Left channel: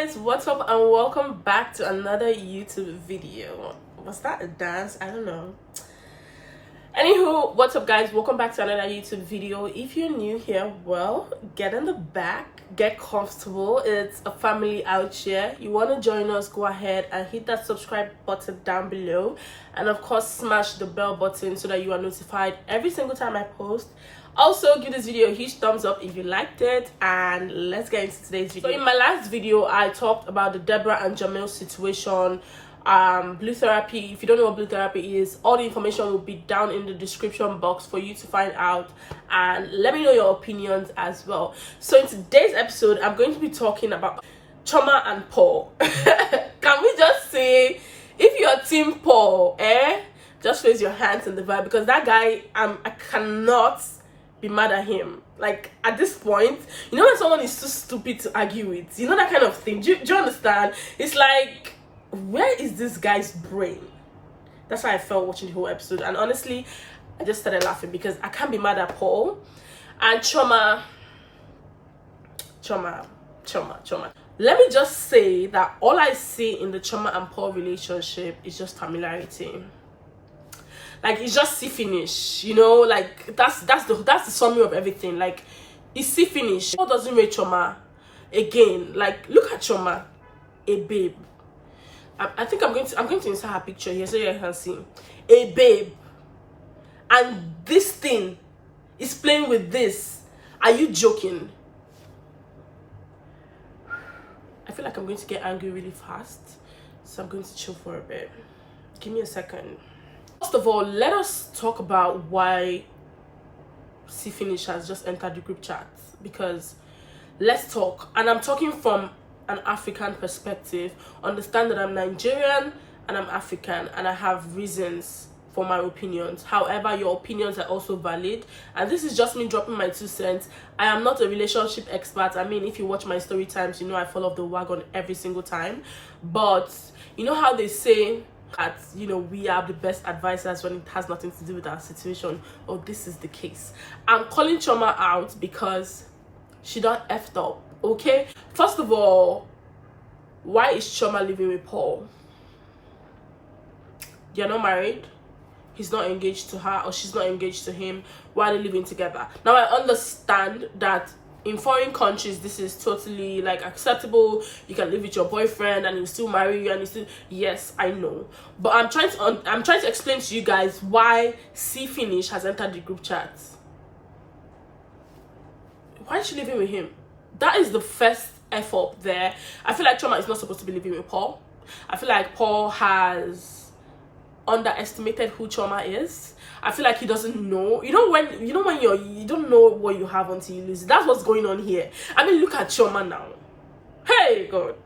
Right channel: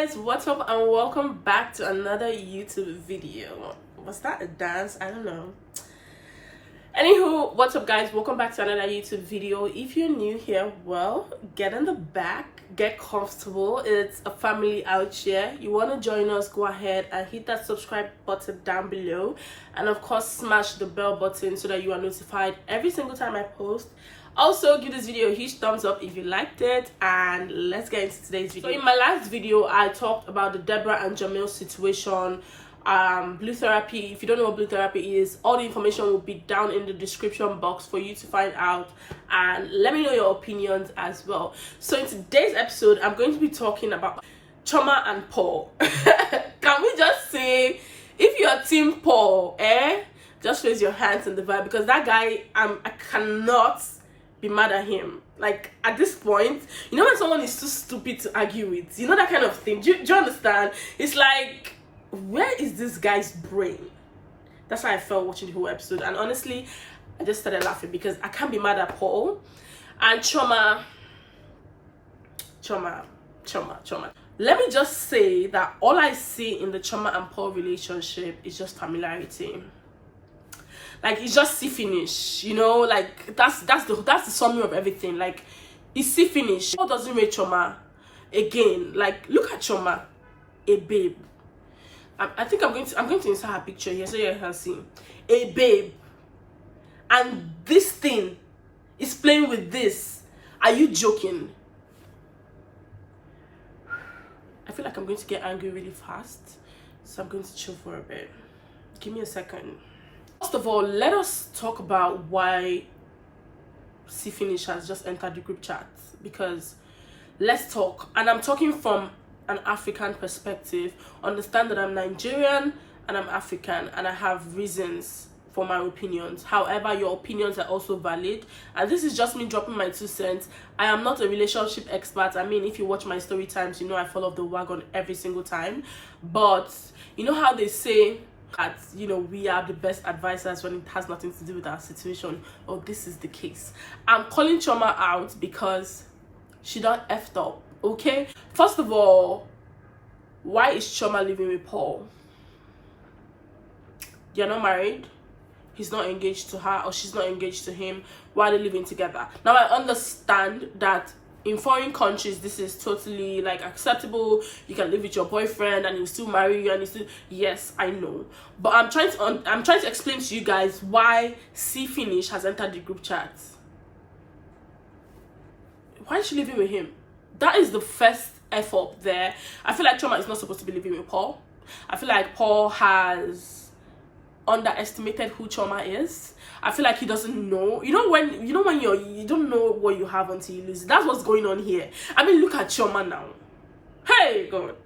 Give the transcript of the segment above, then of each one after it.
guys, what's up and welcome back to another YouTube video. Was that a dance? I don't know. Anywho, what's up guys, welcome back to another YouTube video. If you're new here, well, get in the back, get comfortable. It's a family out here. You want to join us, go ahead and hit that subscribe button down below, and of course smash the bell button so that you are notified every single time I post. Also, give this video a huge thumbs up if you liked it, and let's get into today's video. So in my last video I talked about the Deborah and Jamil situation, blue therapy. If you don't know what blue therapy is, all the information will be down in the description box for you to find out, and let me know your opinions as well. So in today's episode I'm going to be talking about Chioma and Paul. Can we just say, if you're team Paul, just raise your hands in the vibe, because that guy, I cannot be mad at him. Like, at this point, you know when someone is too stupid to argue with, you know, that kind of thing. Do you understand? It's like, where is this guy's brain? That's how I felt watching the whole episode. And honestly, I just started laughing because I can't be mad at Paul and Chioma. Let me just say that all I see in the Chioma and Paul relationship is just familiarity. Like, it's just see finish, you know, like that's the summary of everything. Like, it's see finish. Paul doesn't rate Chioma again. Like, look at Chioma, a babe. I think I'm going to insert her picture here so you can see a babe, and this thing is playing with this. Are you joking? I feel like I'm going to get angry really fast, so I'm going to chill for a bit. Give me a second. First of all, let us talk about why C Finish has just entered the group chat, because let's talk. And I'm talking from an African perspective. Understand that I'm Nigerian and I'm African, and I have reasons for my opinions. However, your opinions are also valid, and this is just me dropping my 2 cents. I am not a relationship expert. I mean, if you watch my story times, you know I fall off the wagon every single time. But you know how they say that, you know, we are the best advisors when it has nothing to do with our situation. Oh, this is the case. I'm calling Chioma out because she done effed up. Okay, first of all, why is Chioma living with Paul? They're not married, he's not engaged to her, or she's not engaged to him. Why are they living together? Now, I understand that in foreign countries this is totally like acceptable. You can live with your boyfriend and he'll still marry you, and he's still, yes, I know, but I'm trying to explain to you guys why C Finish has entered the group chat. Why is she living with him? That is the first F up there. I feel like Chioma is not supposed to be living with Paul. I feel like Paul has underestimated who Chioma is. I feel like he doesn't know. You know when you don't know what you have until you lose it. That's what's going on here. I mean, look at Chioma now. Hey God.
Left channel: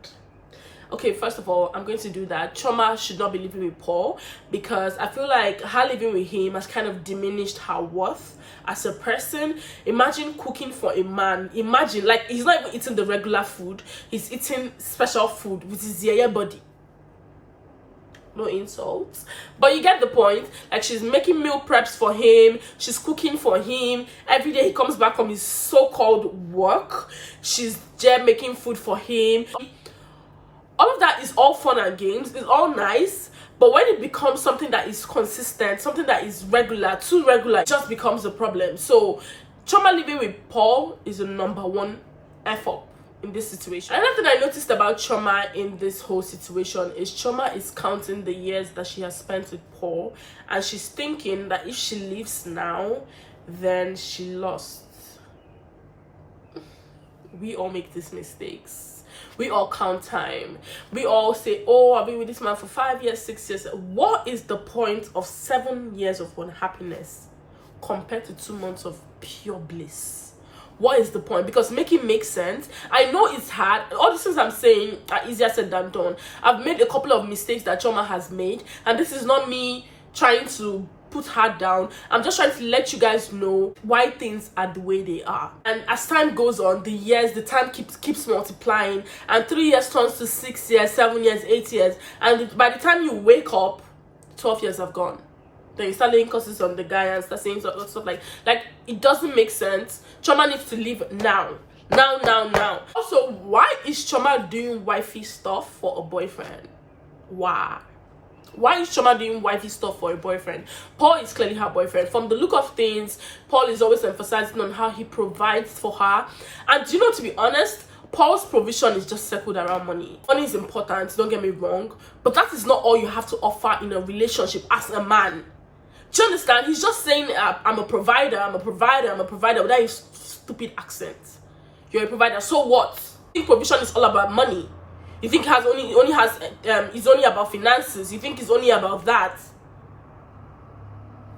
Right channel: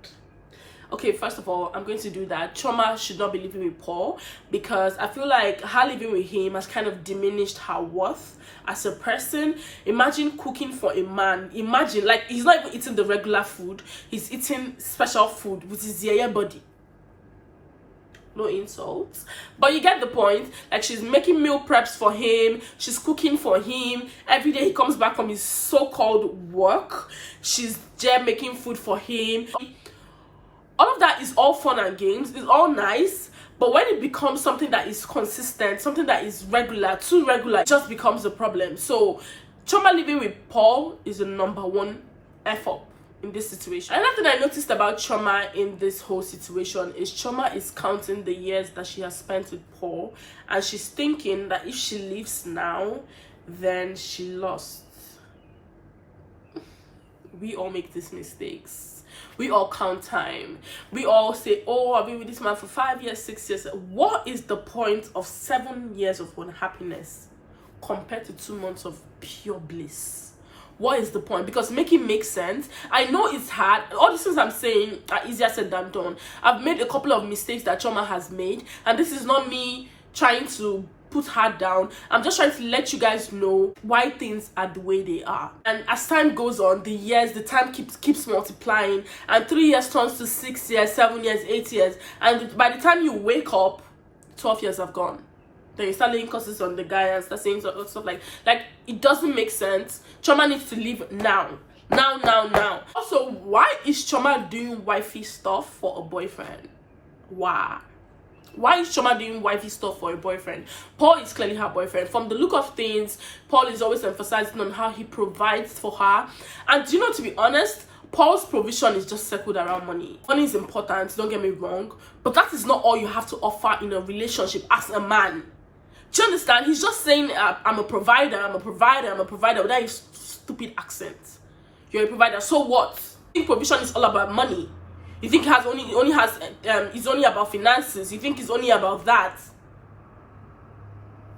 Okay, first of all, I'm going to do that. Chioma should not be living with Paul, because I feel like her living with him has kind of diminished her worth as a person. Imagine cooking for a man. Imagine, like, he's not even eating the regular food. He's eating special food with his yaya body. No insults, but you get the point. Like, she's making meal preps for him, she's cooking for him every day. He comes back from his so-called work, she's there making food for him. All of that is all fun and games, it's all nice, but when it becomes something that is consistent, something that is regular, too regular, it just becomes a problem. So Chioma living with Paul is the #1 F up in this situation. Another thing I noticed about Chioma in this whole situation is Chioma is counting the years that she has spent with Paul, and she's thinking that if she leaves now, then she lost. We all make these mistakes. We all count time. We all say, oh, I've been with this man for 5 years, 6 years. What is the point of 7 years of unhappiness compared to 2 months of pure bliss? What is the point? Because make it make sense. I know it's hard. All the things I'm saying are easier said than done. I've made a couple of mistakes that Chioma has made, and this is not me trying to put her down. I'm just trying to let you guys know why things are the way they are. And as time goes on, the time keeps multiplying, and 3 years turns to 6 years, 7 years, 8 years, and by the time you wake up, 12 years have gone. Then you start laying curses on the guy and start saying stuff like it doesn't make sense. Chioma needs to leave now. Now. Also, why is Chioma doing wifey stuff for a boyfriend? Why? Why is Chioma doing wifey stuff for a boyfriend? Paul is clearly her boyfriend. From the look of things, Paul is always emphasizing on how he provides for her. And you know, to be honest, Paul's provision is just circled around money. Money is important, don't get me wrong, but that is not all you have to offer in a relationship as a man. Do you understand? He's just saying, I'm a provider, with that stupid accent. You're a provider, so what? You think provision is all about money? You think it's only about finances? You think it's only about that?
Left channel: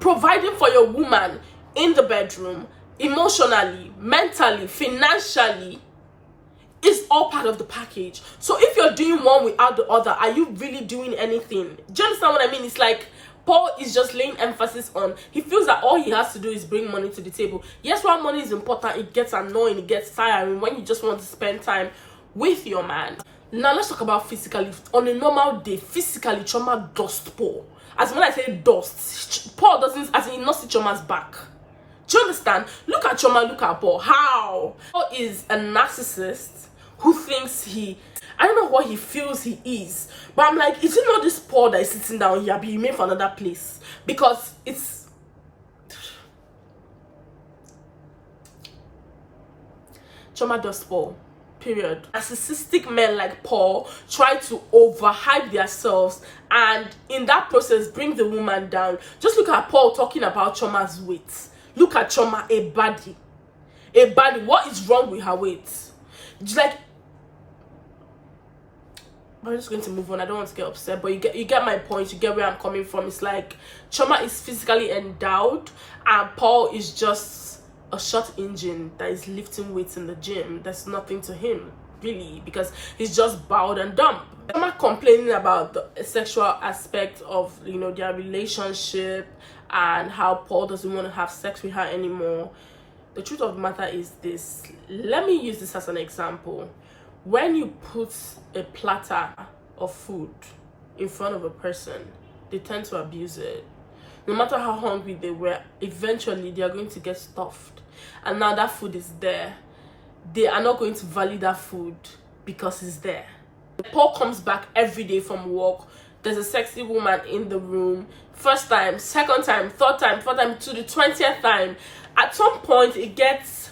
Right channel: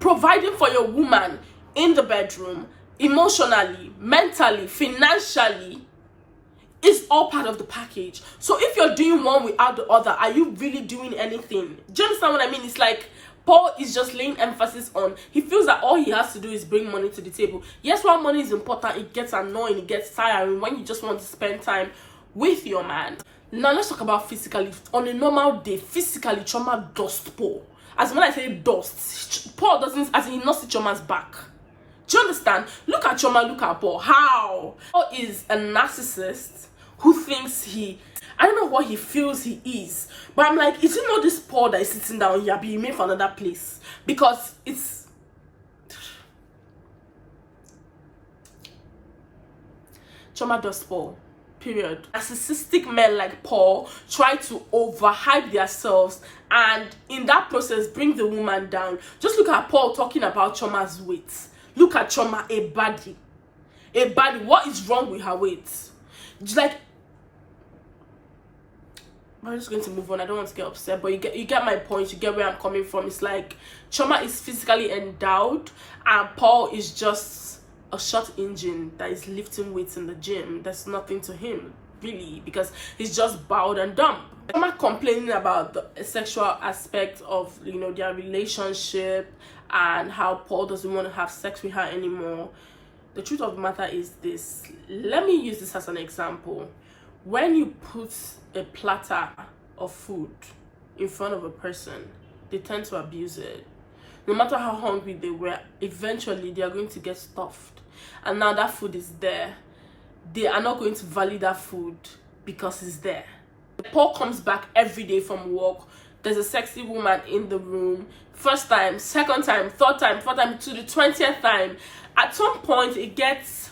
Providing for your woman in the bedroom, emotionally, mentally, financially, is all part of the package. So if you're doing one without the other, are you really doing anything? Do you understand what I mean? It's like Paul is just laying emphasis on, he feels that all he has to do is bring money to the table. Yes, while money is important, it gets annoying, it gets tiring when you just want to spend time with your man. Now let's talk about physically. On a normal day, physically, Chioma dust Paul. As when I say dust, Paul doesn't, as in not see Chioma's back. Do you understand? Look at Chioma, look at Paul. How? Paul is a narcissist who thinks I don't know what he feels he is. But I'm like, is it not this Paul that is sitting down here being made for another place? Because it's... Chioma dust Paul. Period. Narcissistic men like Paul try to overhype themselves and in that process bring the woman down. Just look at Paul talking about Chioma's weight. Look at Chioma, a body. What is wrong with her weight? It's like, I'm just going to move on. I don't want to get upset, but you get my point. You get where I'm coming from. It's like Chioma is physically endowed and Paul is just a short engine that is lifting weights in the gym. There's nothing to him really, because he's just bowed and dumb. I'm not complaining about the sexual aspect of, you know, their relationship and how Paul doesn't want to have sex with her anymore. The truth of the matter is this. Let me use this as an example. When you put a platter of food in front of a person, they tend to abuse it. No matter how hungry they were, eventually they are going to get stuffed. And now that food is there. They are not going to value that food because it's there. Paul comes back every day from work. There's a sexy woman in the room. First time, second time, third time, fourth time, to the 20th time. At some point, it gets...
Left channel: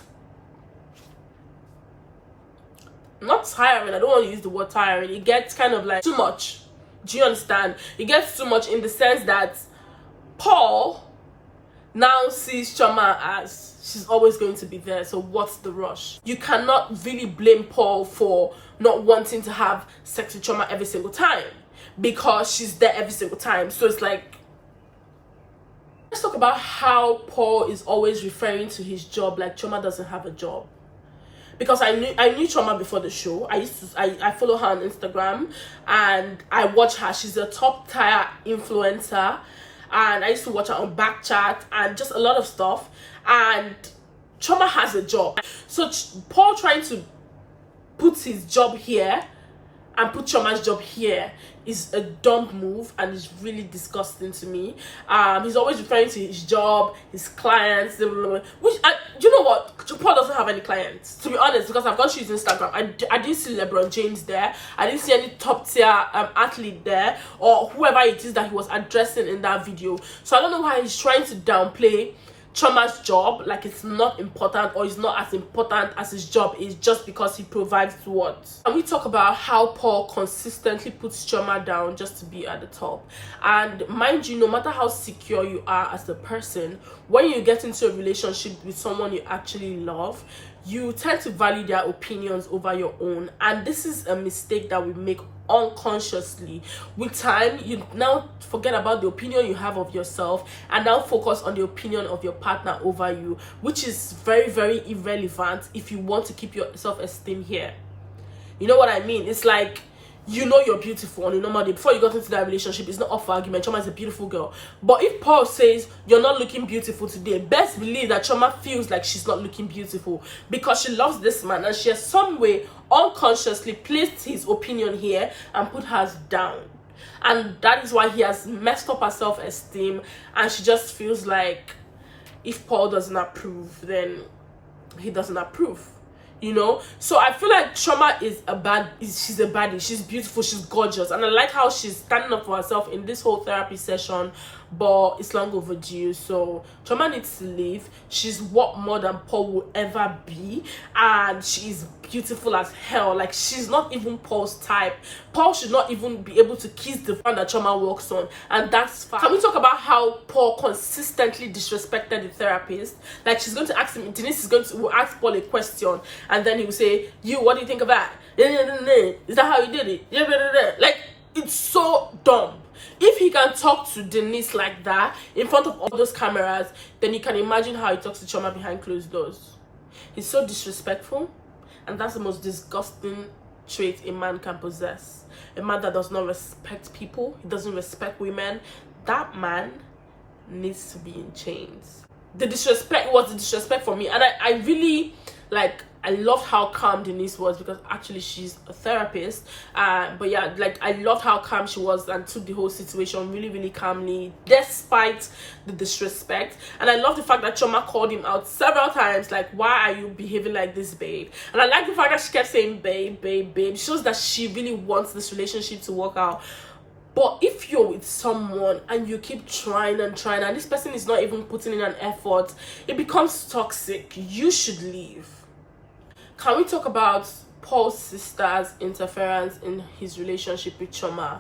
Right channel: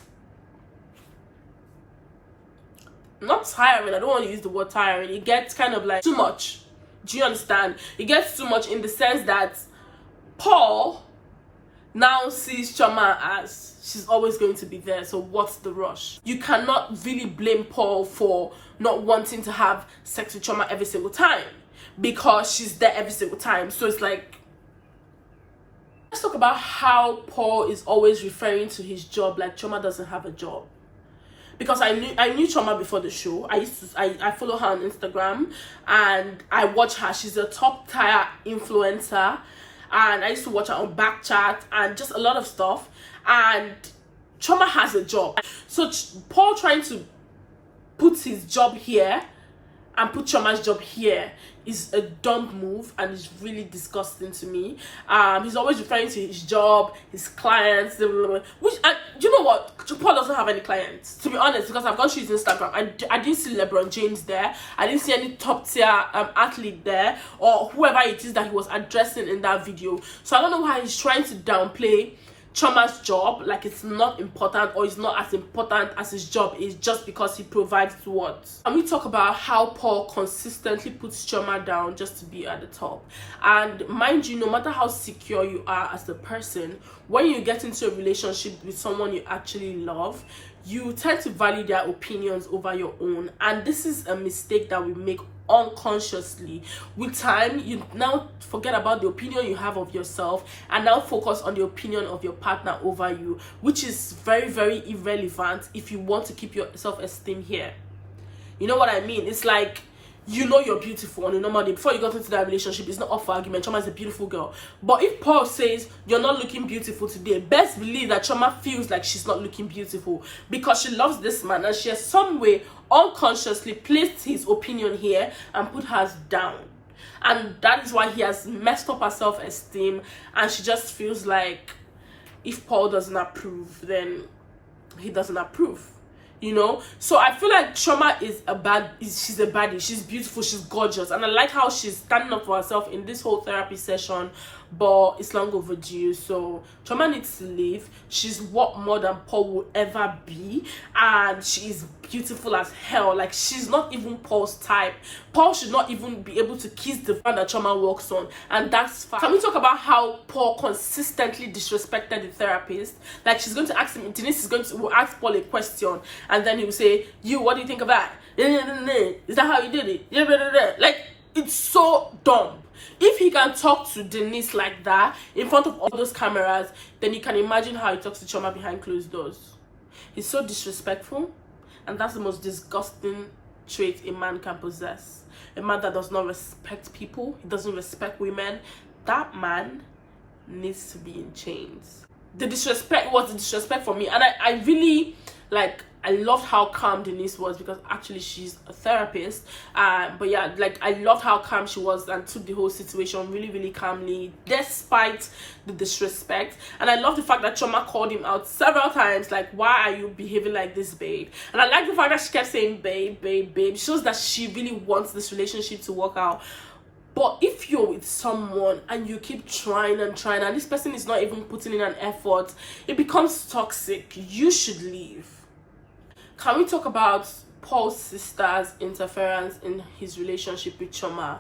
not tiring. I don't want to use the word tiring. It gets kind of like too much. Do you understand? It gets too much in the sense that Paul now sees Chioma as she's always going to be there, so what's the rush? You cannot really blame Paul for not wanting to have sex with Chioma every single time because she's there every single time. So it's like, let's talk about how Paul is always referring to his job like Chioma doesn't have a job. Because I knew Chioma before the show. I follow her on Instagram and I watch her. She's a top tier influencer. And I used to watch her on Backchat and just a lot of stuff. And Chioma has a job. So Paul trying to put his job here and put Chioma's job here is a dumb move and it's really disgusting to me. He's always referring to his job, his clients, which you know what? Paul doesn't have any clients, to be honest, because I've gone through his Instagram. I didn't see LeBron James there. I didn't see any top tier athlete there or whoever it is that he was addressing in that video. So I don't know why he's trying to downplay Chioma's job like it's not important or it's not as important as his job is just because he provides what. And we talk about how Paul consistently puts Chioma down just to be at the top. And mind you, no matter how secure you are as a person, when you get into a relationship with someone you actually love, you tend to value their opinions over your own. And this is a mistake that we make unconsciously. With time, you now forget about the opinion you have of yourself and now focus on the opinion of your partner over you, which is very, very irrelevant if you want to keep your self-esteem here. You know what I mean? It's like, you know you're beautiful on a normal day. Before you got into that relationship, it's not up for argument. Chioma is a beautiful girl. But if Paul says you're not looking beautiful today, best believe that Chioma feels like she's not looking beautiful because she loves this man and she has some way unconsciously placed his opinion here and put hers down. And that is why he has messed up her self-esteem and she just feels like if Paul doesn't approve, then he doesn't approve. you know. So I feel like Chioma she's a baddie, she's beautiful, she's gorgeous, and I like how she's standing up for herself in this whole therapy session, but it's long overdue. So Chioma needs to leave. She's what more than Paul will ever be, and she's beautiful as hell. Like, she's not even Paul's type. Paul should not even be able to kiss the fan that Chioma works on, and that's fine. Can we talk about how Paul consistently disrespected the therapist? Like, she's going to ask him, Denise will ask Paul a question, and then he will say, "You, what do you think of that? Is that how you did it?" Like, it's so dumb. If he can talk to Denise like that in front of all those cameras, then you can imagine how he talks to Chioma behind closed doors. He's so disrespectful, and that's the most disgusting trait a man can possess. A man that does not respect people, he doesn't respect women. That man needs to be in chains. The disrespect was the disrespect for me, and I really, like, I loved how calm Denise was, because actually she's a therapist. But yeah, like, I loved how calm she was and took the whole situation really, really calmly, despite the disrespect. And I love the fact that Chioma called him out several times, like, "Why are you behaving like this, babe?" And I like the fact that she kept saying babe, babe, babe. It shows that she really wants this relationship to work out. But if you're with someone and you keep trying and trying, and this person is not even putting in an effort, it becomes toxic. You should leave. Can we talk about Paul's sister's interference in his relationship with Chioma?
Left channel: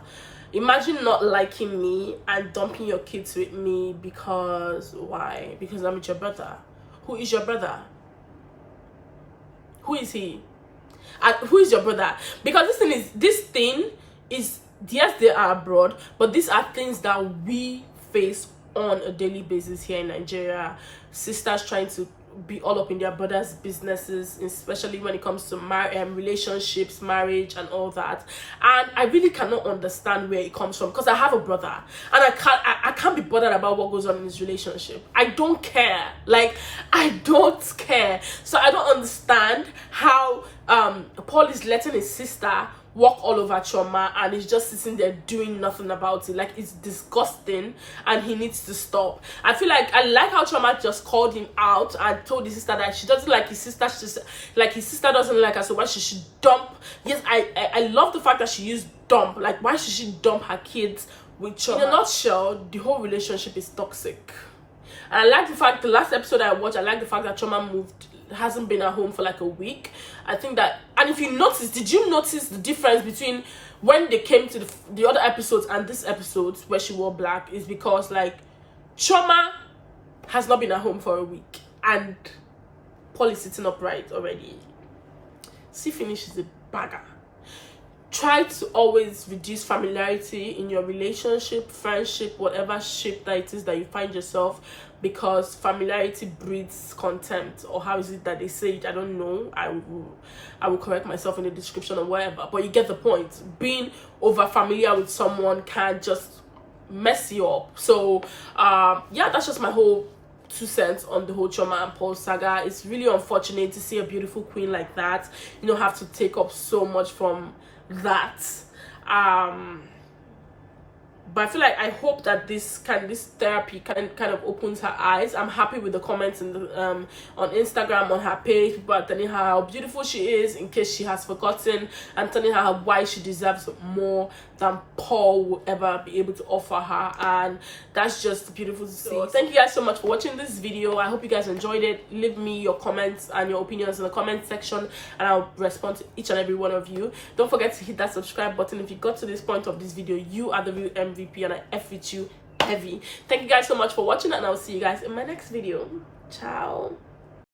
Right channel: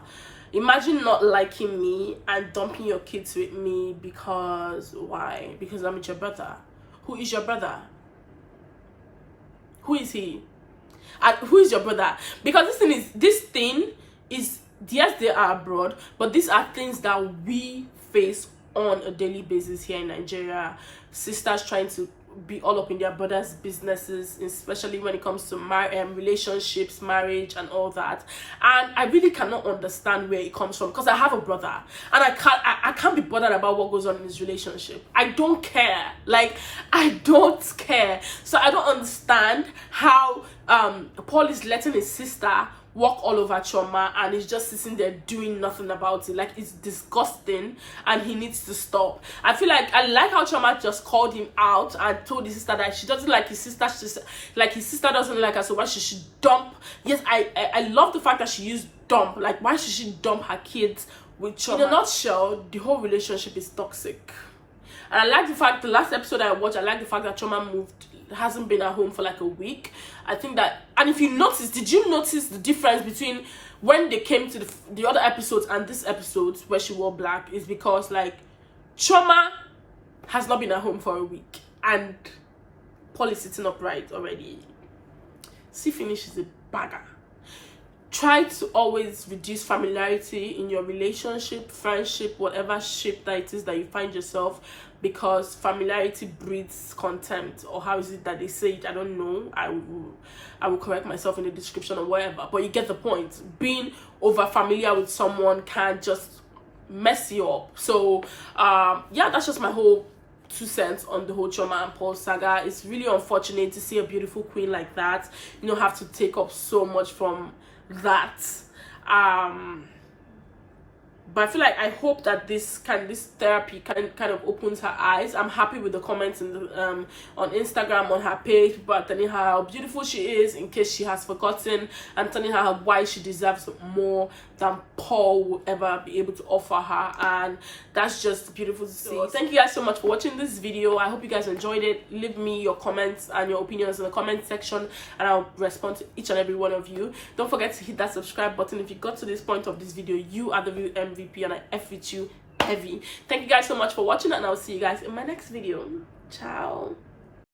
Imagine not liking me and dumping your kids with me because, why? Because I'm with your brother. Who is your brother? Who is he? Who is your brother? Because this thing is, yes, they are abroad, but these are things that we face on a daily basis here in Nigeria. Sisters trying to be all up in their brothers' businesses, especially when it comes to relationships, marriage, and all that. And I really cannot understand where it comes from, because I have a brother, and I can't be bothered about what goes on in his relationship. I don't care. Like, I don't care. So I don't understand how Paul is letting his sister walk all over Chioma, and he's just sitting there doing nothing about it. Like, it's disgusting, and he needs to stop. I feel like, I like how Chioma just called him out and told his sister that she doesn't like his sister, like his sister doesn't like her, so why she should dump. Yes, I love the fact that she used dump. Like, why should she dump her kids with Chioma? In a nutshell, the whole relationship is toxic. And I like the fact, the last episode I watched, I like the fact that Chioma hasn't been at home for like a week. I think that, and if you notice, did you notice the difference between when they came to the other episodes and this episode where she wore black? Is because, like, Chioma has not been at home for a week, and Paul is sitting upright already. See, finish is a bagger. Try to always reduce familiarity in your relationship, friendship, whatever shape that it is that you find yourself, because familiarity breeds contempt, or how is it that they say it? I don't know. I will correct myself in the description or whatever, but you get the point. Being over familiar with someone can just mess you up. So yeah, that's just my whole 2 cents on the whole Chioma and Paul saga. It's really unfortunate to see a beautiful queen like that, you know, have to take up so much from that. But I feel like, I hope that this therapy kind of opens her eyes. I'm happy with the comments in the on Instagram, on her page. People are telling her how beautiful she is, in case she has forgotten, and telling her why she deserves more than Paul will ever be able to offer her. And that's just beautiful to see. So, thank you guys so much for watching this video. I hope you guys enjoyed it. Leave me your comments and your opinions in the comment section, and I'll respond to each and every one of you. Don't forget to hit that subscribe button. If you got to this point of this video, you are the real MVP, and I F with you heavy. Thank you guys so much for watching, and I'll see you guys in my next video. Ciao.